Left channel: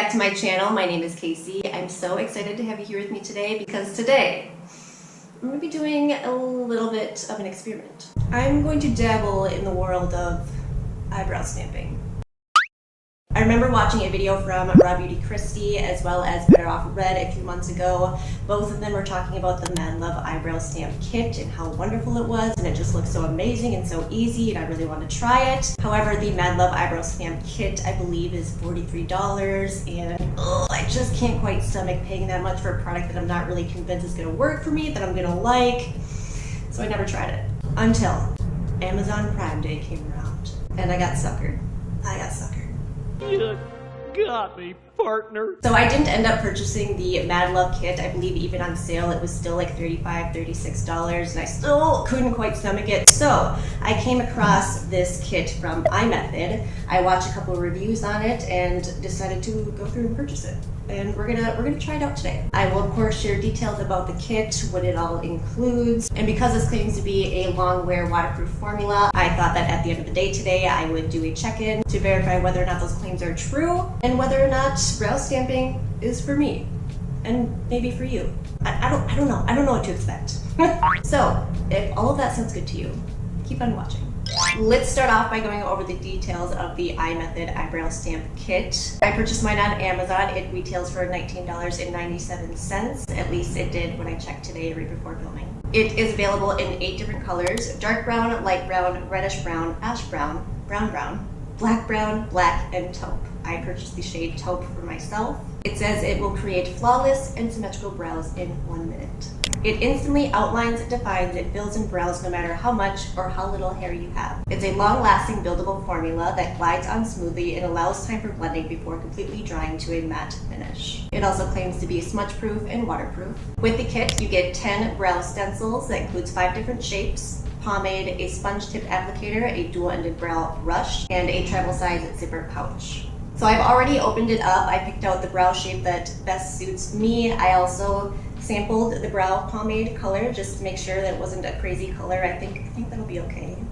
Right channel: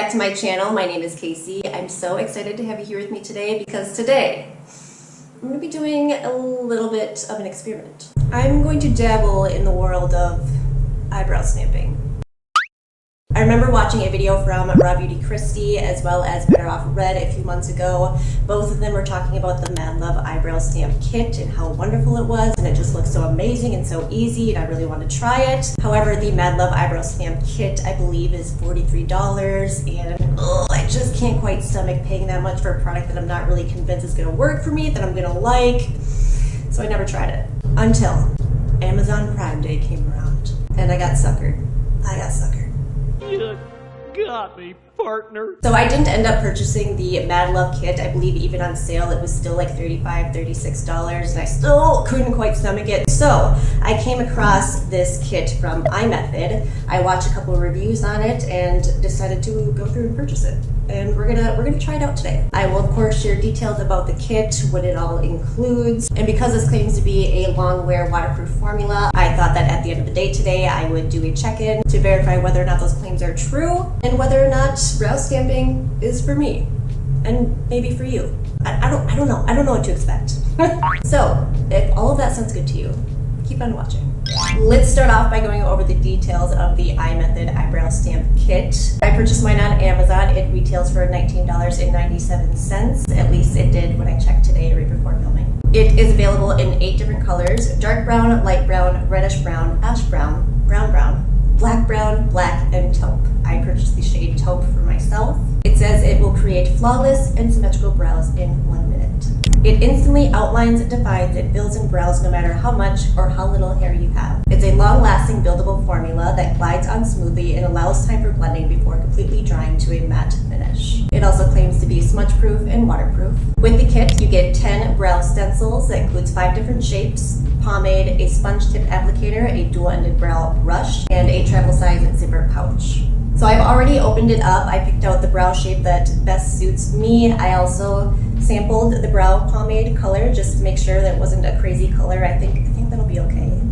back to my channel. My name is Casey. I'm so excited to have you here with me today because today I'm going to be doing a little bit of an experiment. I'm going to dabble in the world of eyebrow stamping. I remember watching a video from Raw Beauty Christie as well as Better Off Red a few months ago. Both of them were talking about the Mad Love Eyebrow Stamp Kit and how wonderful it was, and it just looked so amazing and so easy, and I really wanted to try it. However, the Mad Love Eyebrow Stamp Kit, I believe, is $43, and I just can't quite stomach paying that much for a product that I'm not really convinced is going to work for me, that I'm going to like. So I never tried it until Amazon Prime Day came around, and I got suckered. You got me, partner. So I didn't end up purchasing the Mad Love kit. I believe even on sale it was still like $35, $36, and I still couldn't quite stomach it. So I came across this kit from iMethod. I watched a couple of reviews on it and decided to go through and purchase it. And we're gonna try it out today. I will of course share details about the kit, what it all includes, and because this claims to be a long wear waterproof formula, I thought that at the end of the day today I would do a check-in to verify whether or not those claims are true and whether or not brow stamping is for me and maybe for you. I don't know what to expect. So if all of that sounds good to you, keep on watching. Let's start off by going over the details of the iMethod Eyebrow Stamp Kit. I purchased mine on Amazon. It retails for $19.97. At least it did when I checked today right before filming. It is available in 8 different colors: dark brown, light brown, reddish brown, ash brown, brown brown, black brown, black, and taupe. I purchased the shade taupe for myself. It says it will create flawless and symmetrical brows in 1 minute. It instantly outlines, defines, and fills in brows no matter how much or how little hair you have. It's a long-lasting buildable formula that glides on smoothly and allows time for blending before completely drying to a matte finish. It also claims to be smudge-proof and waterproof. With the kit, you get 10 brow stencils that includes 5 different shapes, pomade, a sponge tip applicator, a dual-ended brow brush, and a travel size zipper pouch. So I've already opened it up. I picked out the brow shape that best suits me. I also sampled the brow pomade color just to make sure that it wasn't a crazy color. I think that'll be okay.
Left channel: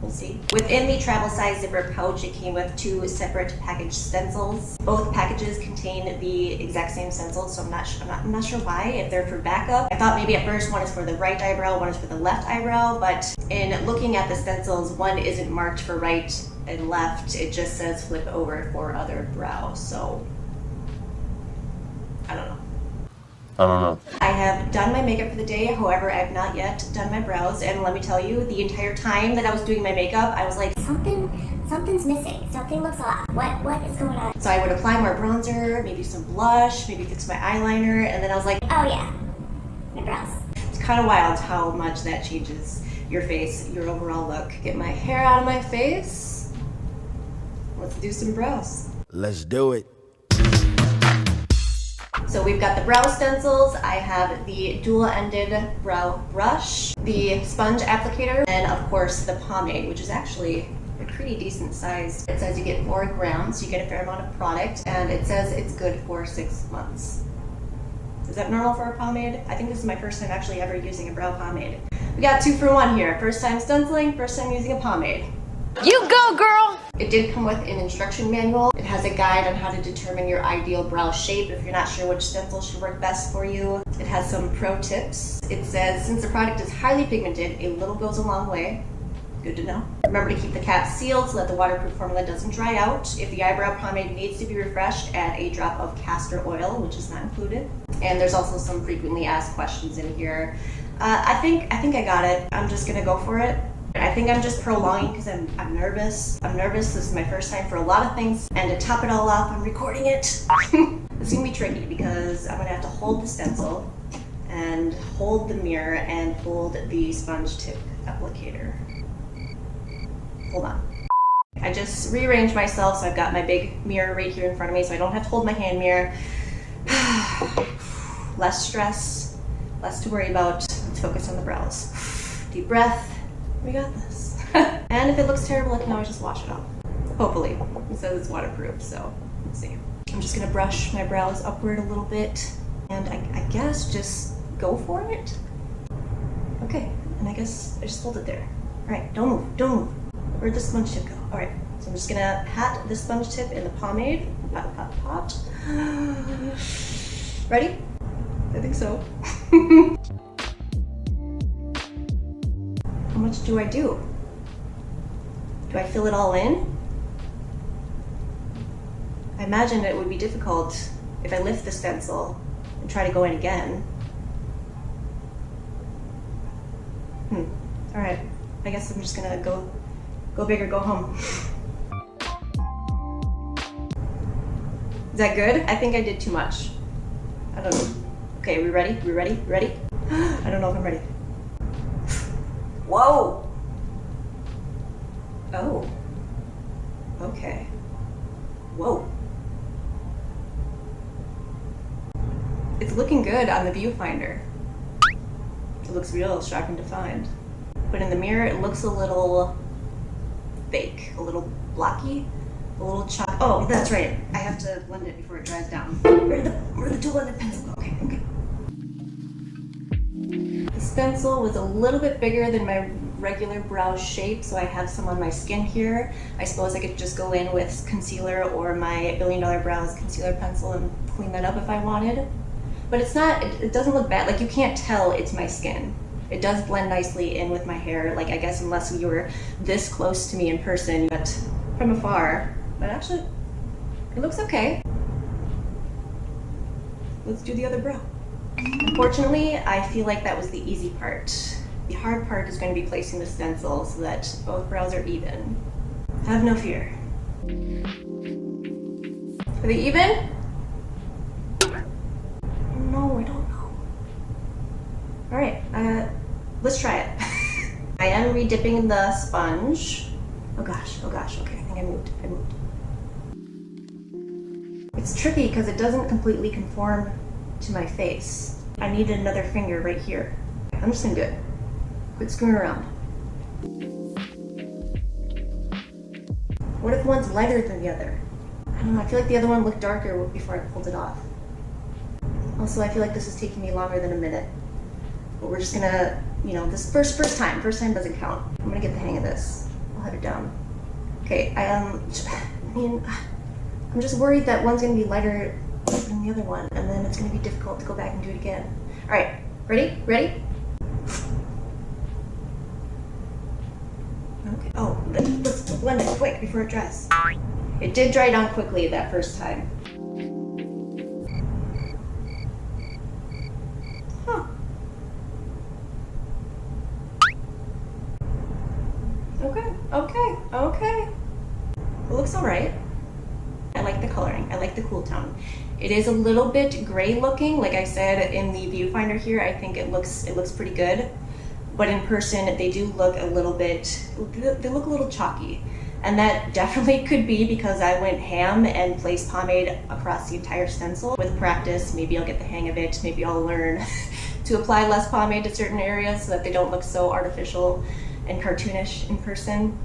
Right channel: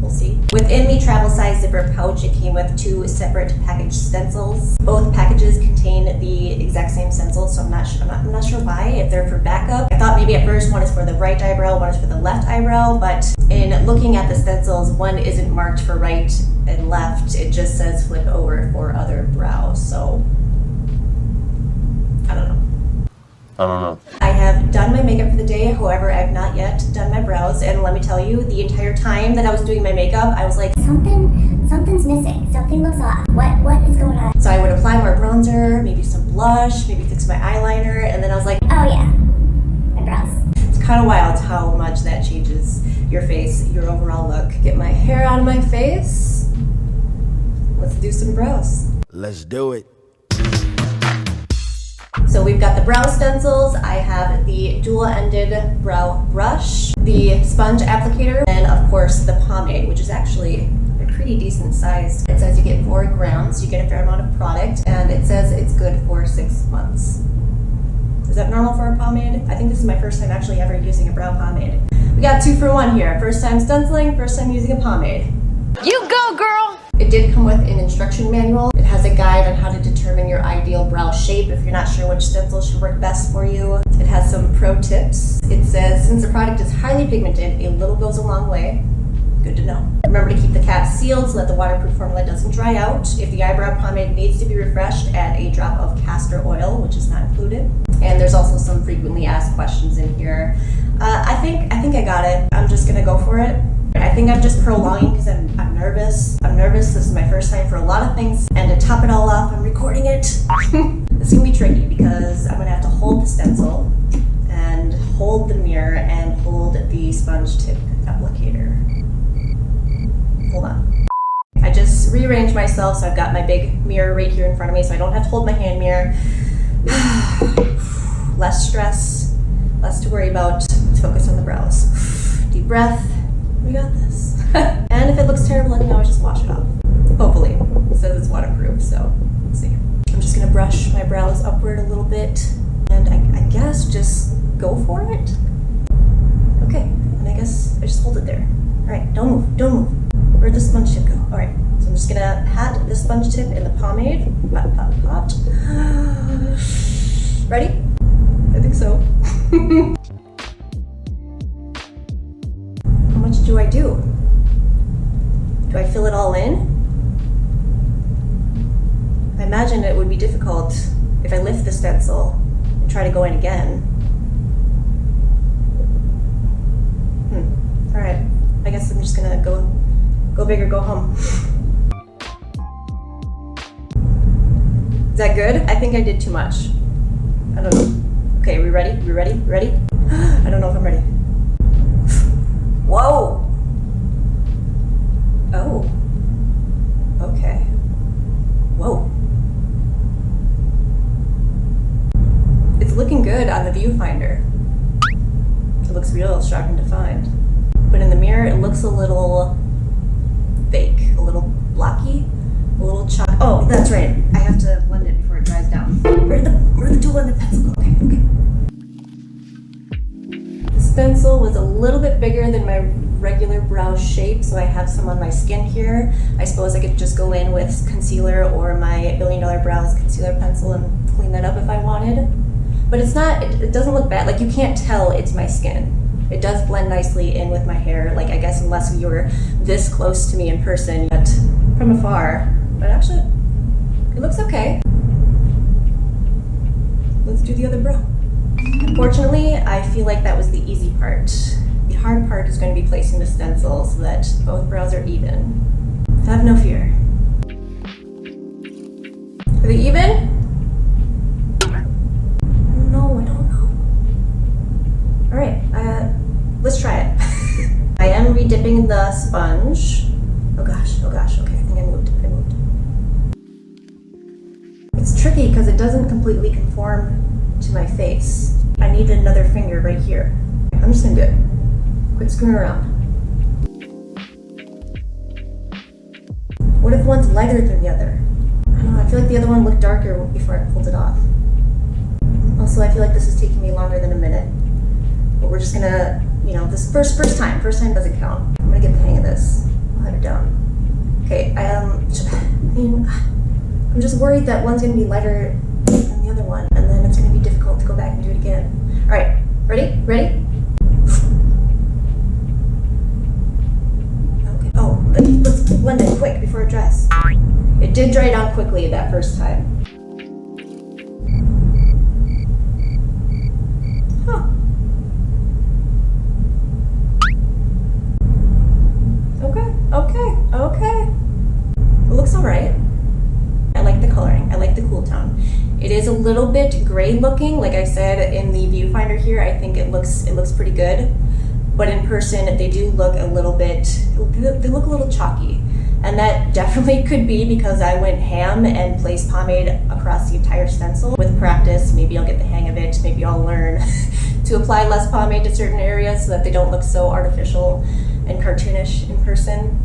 We'll see. Within the travel size zipper pouch, it came with 2 separate package stencils. Both packages contain the exact same stencils, so I'm not sure why, if they're for backup. I thought maybe at first one is for the right eyebrow, one is for the left eyebrow, but in looking at the stencils, one isn't marked for right and left. It just says flip over for other brows, so I don't know. I have done my makeup for the day, however, I've not yet done my brows, and let me tell you, the entire time that I was doing my makeup, I was like, something's missing. Something looks off. What is going on? So I would apply more bronzer, maybe some blush, maybe fix my eyeliner, and then I was like, Oh yeah, my brows. it's kind of wild how much that changes your face, your overall look. Get my hair out of my face. Let's do some brows. Let's do it. So we've got the brow stencils, I have the dual-ended brow brush, the sponge applicator, and of course the pomade, which is actually a pretty decent size. It says you get 4 grams, you get a fair amount of product, and it says it's good for 6 months. Is that normal for a pomade? I think this is my first time actually ever using a brow pomade. We got 2 for 1 here. First time stenciling, first time using a pomade. You go, girl! It did come with an instruction manual. It has a guide on how to determine your ideal brow shape if you're not sure which stencil should work best for you. It has some pro tips. It says, since the product is highly pigmented, a little goes a long way. Good to know. Remember to keep the cap sealed so that the waterproof formula doesn't dry out. If the eyebrow pomade needs to be refreshed, add a drop of castor oil, which is not included. And there's also some frequently asked questions in here. I think I got it. I'm just gonna go for it. I think I'm just prolonging because I'm nervous. This is my first time for a lot of things, and to top it all off, I'm recording it. It's gonna be tricky because I'm gonna have to hold the stencil and hold the mirror and hold the sponge tip applicator. Hold on. I just rearranged myself, so I've got my big mirror right here in front of me, so I don't have to hold my hand mirror. Less stress, less to worry about. Let's focus on the brows. Deep breath. We got this. And if it looks terrible, I can always just wash it off. Hopefully. It says it's waterproof, so let's see. I'm just gonna brush my brows upward a little bit, and I guess just go for it. Okay, and I guess I just hold it there. All right, don't move. Where'd the sponge tip go? All right, So I'm just gonna pat the sponge tip in the pomade. Pat, pat, pat. Ready? I think so. How much do I do? Do I fill it all in? I imagine it would be difficult if I lift the stencil and try to go in again. All right, I guess I'm just gonna go big or go home. Is that good? I think I did too much. I don't know. Okay, we ready? We ready? Ready? I don't know if I'm ready. Whoa! Oh. Okay. Whoa. It's looking good on the viewfinder. It looks real sharp and defined. But in the mirror, it looks a little fake, a little blocky, a little chalk. Oh, that's right. I have to blend it before it dries down. Where'd the tool and the pencil go? Okay, okay. The stencil was a little bit bigger than my regular brow shape, so I have some on my skin here. I suppose I could just go in with concealer or my $1 Billion Brows concealer pencil and clean that up if I wanted. But it's not, it doesn't look bad. Like, you can't tell it's my skin. It does blend nicely in with my hair. Like, I guess unless you were this close to me in person, but from afar. But actually, it looks okay. Let's do the other brow. Unfortunately, I feel like that was the easy part. The hard part is going to be placing the stencil so that both brows are even. Have no fear. Are they even? No, I don't know. All right, let's try it. I am re-dipping the sponge. Oh gosh, okay, I think I moved. It's tricky because it doesn't completely conform to my face. I need another finger right here. I'm just gonna do it. Quit screwing around. What if one's lighter than the other? I don't know, I feel like the other one looked darker before I pulled it off. Also, I feel like this is taking me longer than a minute. But we're just gonna, this first time doesn't count. I'm gonna get the hang of this. I'll have it down. Okay, I'm just worried that one's gonna be lighter than the other one, and then it's gonna be difficult to go back and do it again. All right, ready? Ready? Okay, oh, let's blend it quick before it dries. It did dry down quickly that first time. Huh. Okay. It looks all right. I like the coloring. I like the cool tone. It is a little bit gray looking. Like I said, in the viewfinder here, I think it looks pretty good. But in person, they do look a little bit, they look a little chalky. And that definitely could be because I went ham and placed pomade across the entire stencil. With practice, maybe I'll get the hang of it. Maybe I'll learn to apply less pomade to certain areas so that they don't look so artificial and cartoonish in person.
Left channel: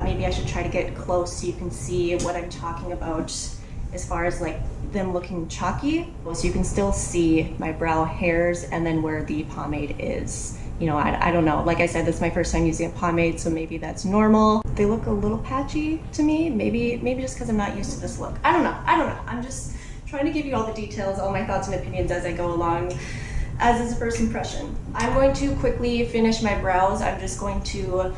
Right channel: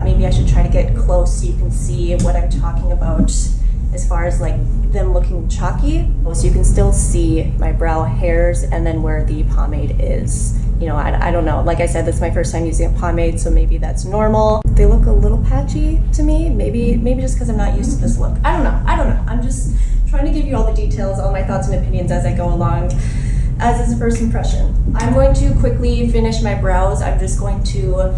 Maybe I should try to get close so you can see what I'm talking about as far as like them looking chalky. So you can still see my brow hairs and then where the pomade is. I don't know. Like I said, this is my first time using a pomade, so maybe that's normal. They look a little patchy to me. Maybe just because I'm not used to this look. I don't know. I'm just trying to give you all the details, all my thoughts and opinions as I go along, as is a first impression. I'm going to quickly finish my brows. I'm just going to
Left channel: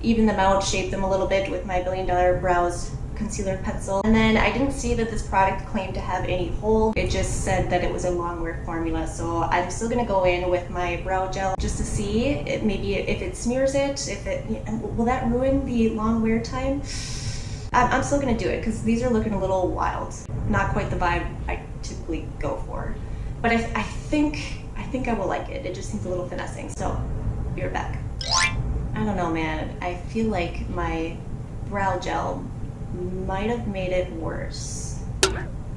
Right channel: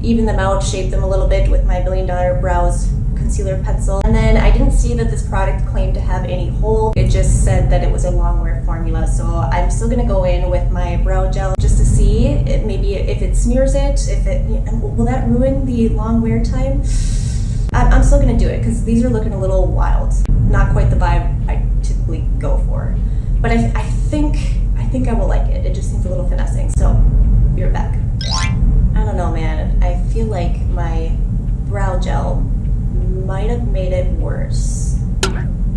even them out, shape them a little bit with my $1 Billion Brows concealer pencil. And then I didn't see that this product claimed to have any hold. It just said that it was a long wear formula. So I'm still gonna go in with my brow gel just to see maybe if it smears it, will that ruin the long wear time? I'm still gonna do it because these are looking a little wild. Not quite the vibe I typically go for. But I think I will like it. It just needs a little finessing. So, be right back. I don't know, man. I feel like my brow gel might have made it worse.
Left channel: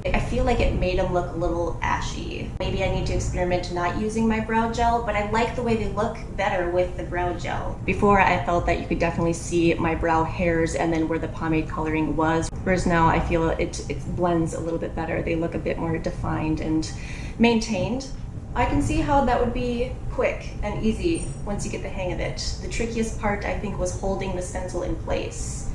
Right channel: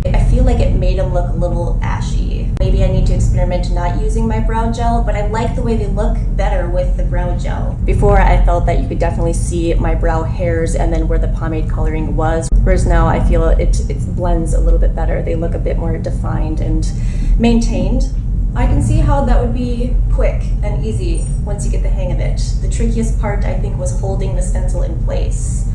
I feel like it made them look a little ashy. Maybe I need to experiment not using my brow gel, but I like the way they look better with the brow gel. Before, I felt that you could definitely see my brow hairs and then where the pomade coloring was, whereas now I feel it blends a little bit better. They look a bit more defined and maintained. I can see how that would be quick and easy once you get the hang of it. The trickiest part, I think, was holding the stencil in place.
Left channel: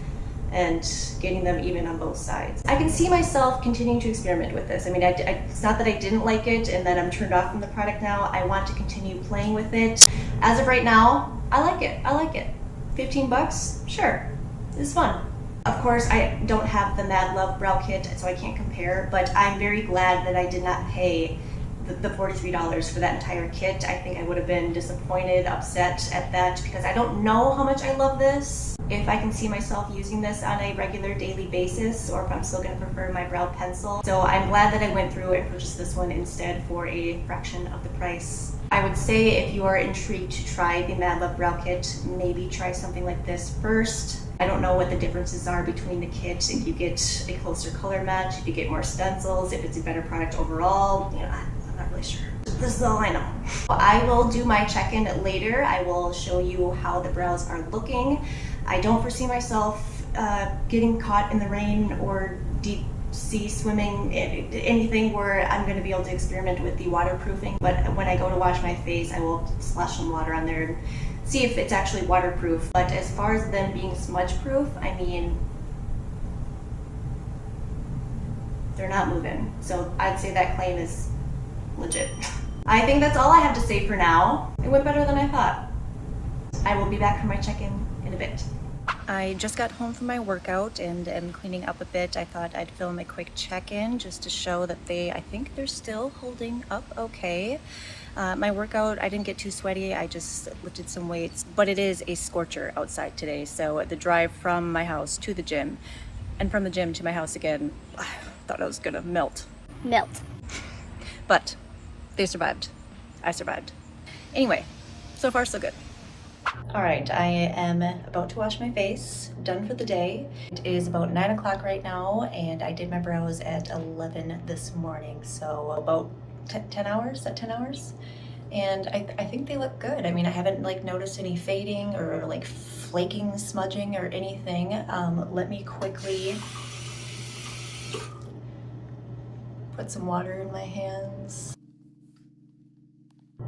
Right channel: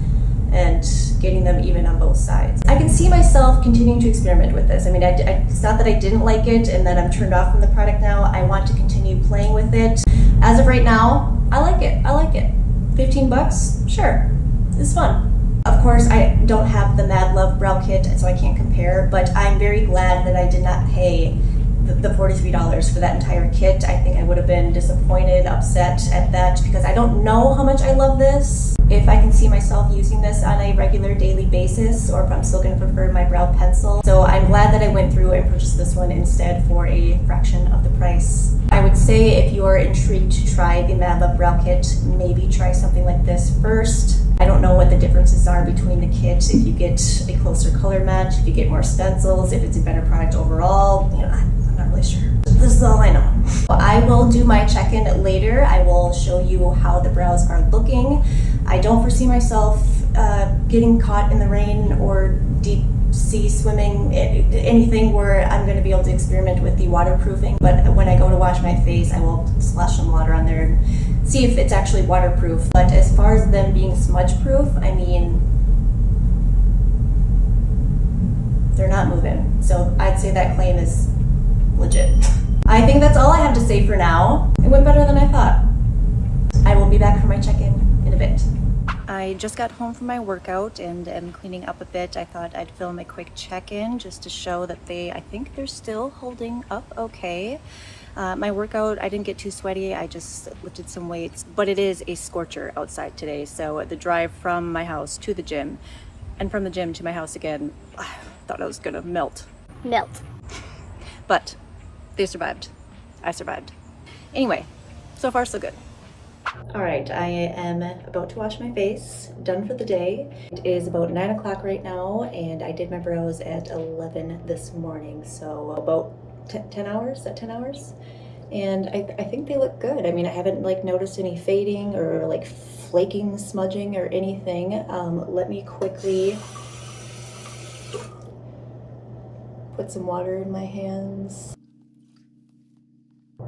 and getting them even on both sides. I can see myself continuing to experiment with this. I mean, it's not that I didn't like it and that I'm turned off from the product now. I want to continue playing with it. As of right now, I like it. I like it. 15 bucks? Sure. It's fun. Of course, I don't have the Mad Love Brow Kit, so I can't compare, but I'm very glad that I did not pay the $43 for that entire kit. I think I would have been disappointed, upset at that, because I don't know how much I love this. If I can see myself using this on a regular daily basis, or if I'm still going to prefer my brow pencil. So I'm glad that I went through and purchased this one instead for a fraction of the price. I would say if you are intrigued to try the Mad Love Brow Kit, maybe try something like this first. I don't know what the differences are between the kit, if you get a closer color match, if you get more stencils, if it's a better product overall. You know, I'm not really sure. This is all I know. I will do my check-in later. I will show you how the brows are looking. I don't foresee myself getting caught in the rain or deep sea swimming, anything where I'm going to be able to experiment with the waterproofing. But when I go to wash my face, I will splash some water on there and see if it's actually waterproof. But as far as them being smudge proof, I mean, they're not moving. So I'd say that claim is legit. I think that's all I have to say for now. It went better than I thought. I will be back for my check-in in a bit. I just got home from my workout and am cleaning up a bit. I thought I'd film a quick check-in just to show that I think they're still holding up okay. My workout, I didn't get too sweaty. I just lifted some weights, but it is a scorcher outside today. So the drive from my house to the gym and from the gym to my house again, I thought I was gonna melt. But they survived. I survived. Anyway, so far so good. All right, I am about to wash my face, done for the day. It is about 9 o'clock right now, and I did my brows at 11 this morning, so about 10 hours, is that 10 hours? And I think they look good. I mean, I haven't like noticed any fading or like flaking, smudging or anything. Let me quickly put some water in my hands.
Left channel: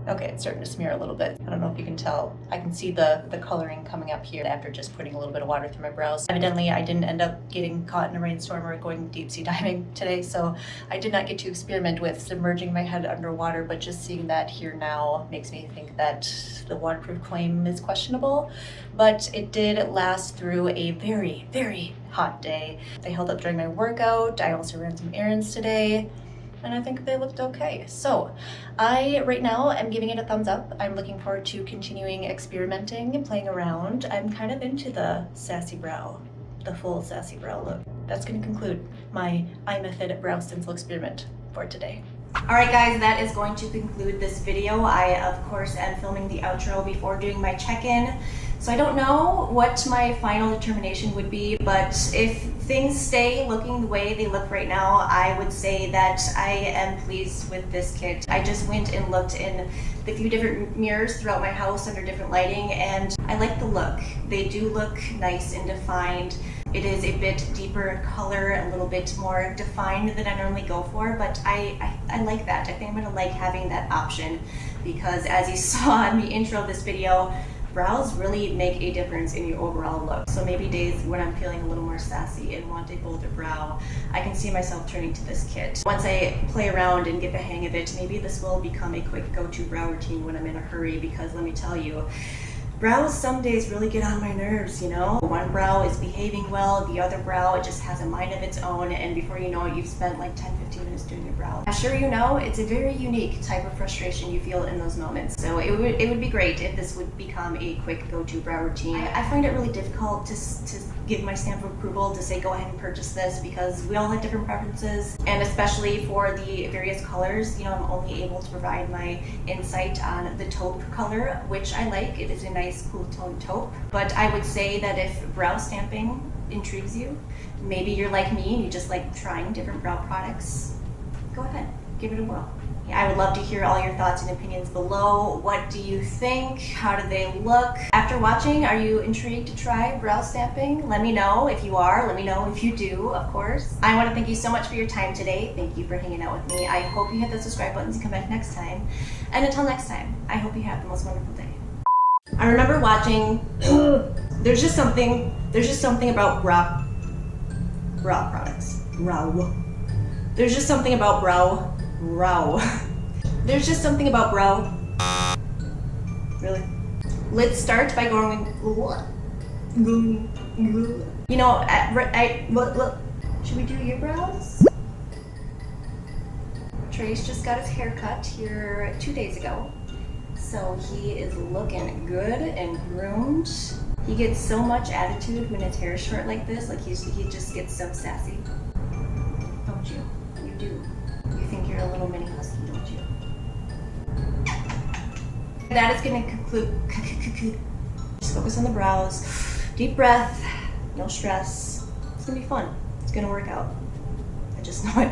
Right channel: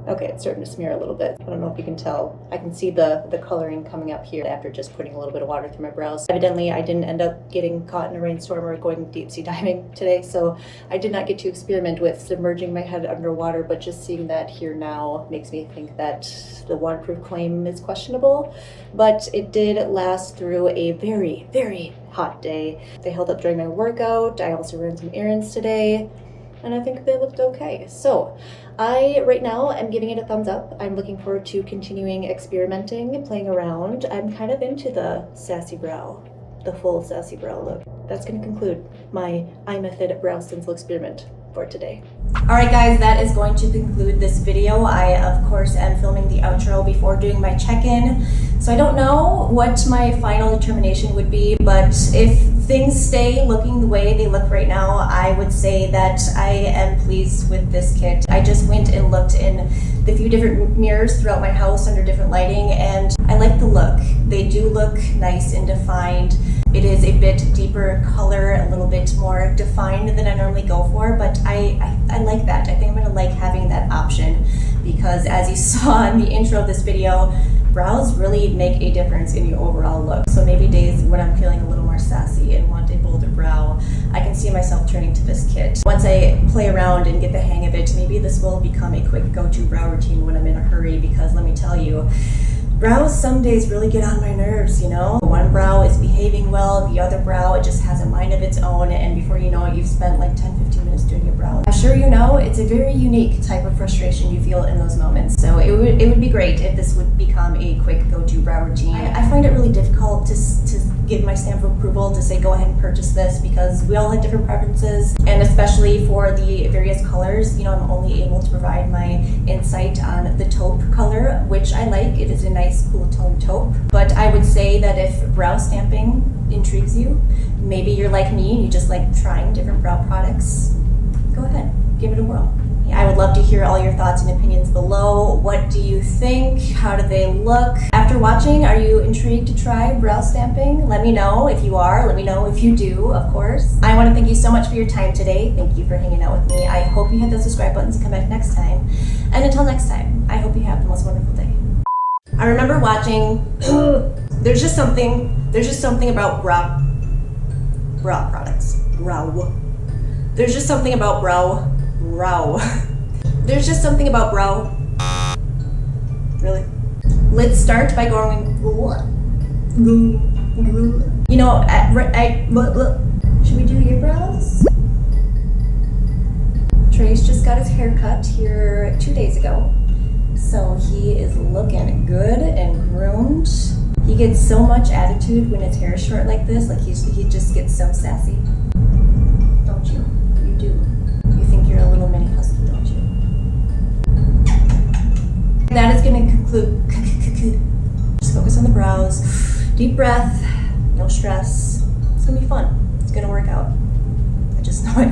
Okay, it's starting to smear a little bit. I don't know if you can tell. I can see the coloring coming up here after just putting a little bit of water through my brows. Evidently, I didn't end up getting caught in a rainstorm or going deep sea diving today, so I did not get to experiment with submerging my head underwater, but just seeing that here now makes me think that the waterproof claim is questionable. But it did last through a very, very hot day. They held up during my workout. I also ran some errands today, and I think they looked okay. So I, right now, am giving it a thumbs up. I'm looking forward to continuing experimenting and playing around. I'm kind of into the sassy brow, the full sassy brow look. That's going to conclude my iMethod brow stencil experiment for today. All right, guys, that is going to conclude this video. I, of course, am filming the outro before doing my check-in, so I don't know what my final determination would be, but if things stay looking the way they look right now, I would say that I am pleased with this kit. I just went and looked in the few different mirrors throughout my house under different lighting, and I like the look. They do look nice and defined. It is a bit deeper color, a little bit more defined than I normally go for, but I like that. I think I'm gonna like having that option because, as you saw in the intro of this video, brows really make a difference in your overall look. So maybe days when I'm feeling a little more sassy and want a bolder brow, I can see myself turning to this kit. Once I play around and get the hang of it, maybe this will become a quick go-to brow routine when I'm in a hurry, because let me tell you, brows some days really get on my nerves, you know? One brow is behaving well, the other brow, it just has a mind of its own, and before you know it, you've spent like 10-15 minutes doing your brow. I'm sure you know, it's a very unique type of frustration you feel in those moments, so it would be great if this would become a quick go-to brow routine. I find it really difficult to give my stamp of approval to say go ahead and purchase this, because we all have different preferences, and especially for the various colors, you know, I'm only able to provide my insight on the taupe color, which I like. It is a nice cool tone taupe, but I would say that if brow stamping intrigues you, maybe you're like me and you just like trying different brow products, go ahead, give it a whirl. I would love to hear all your thoughts and opinions below. What do you think? How do they look? After watching, are you intrigued to try brow stamping? Let me know if you are. Let me know if you do, of course. I want to thank you so much for your time today. Thank you for hanging out with me. I hope you hit the subscribe buttons and come back next time. And until next time, I hope you have the most wonderful day. I remember watching, there's just something about brow brow products. Brow. There's just something about brow. There's just something about brow. Really? Let's start by going. You know, should we do your brows? Trace just got his hair cut here 2 days ago. So he is looking good and groomed. He gets so much attitude when his hair is short like this. Like he just gets so sassy. Don't you? You do. You think you're a little mini husky, don't you? That is going to conclude. Just focus on the brows. Deep breath. No stress. It's going to be fun. It's going to work out. I just know it.